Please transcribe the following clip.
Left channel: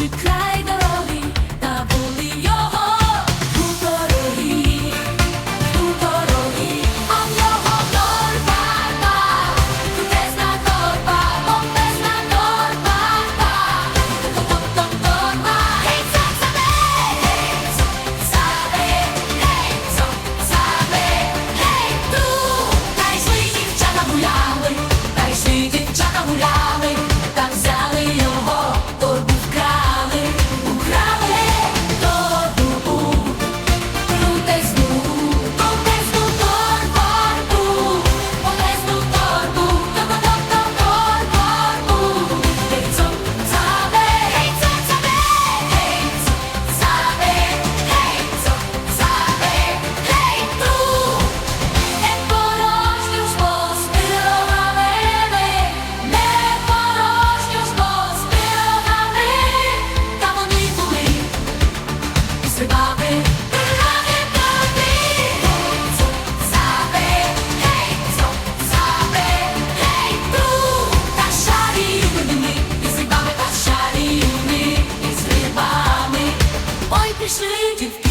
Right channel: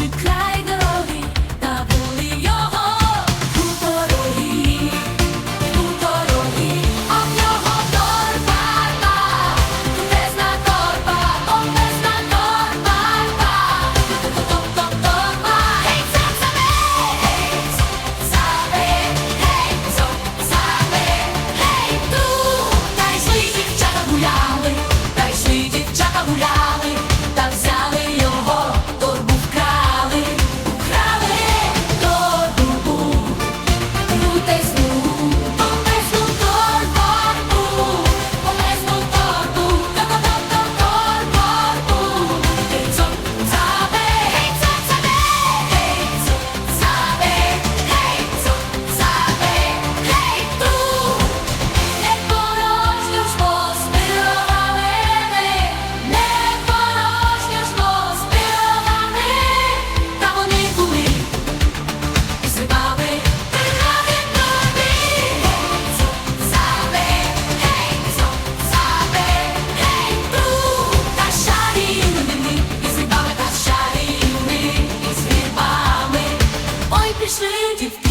J'éclate. Wish me if you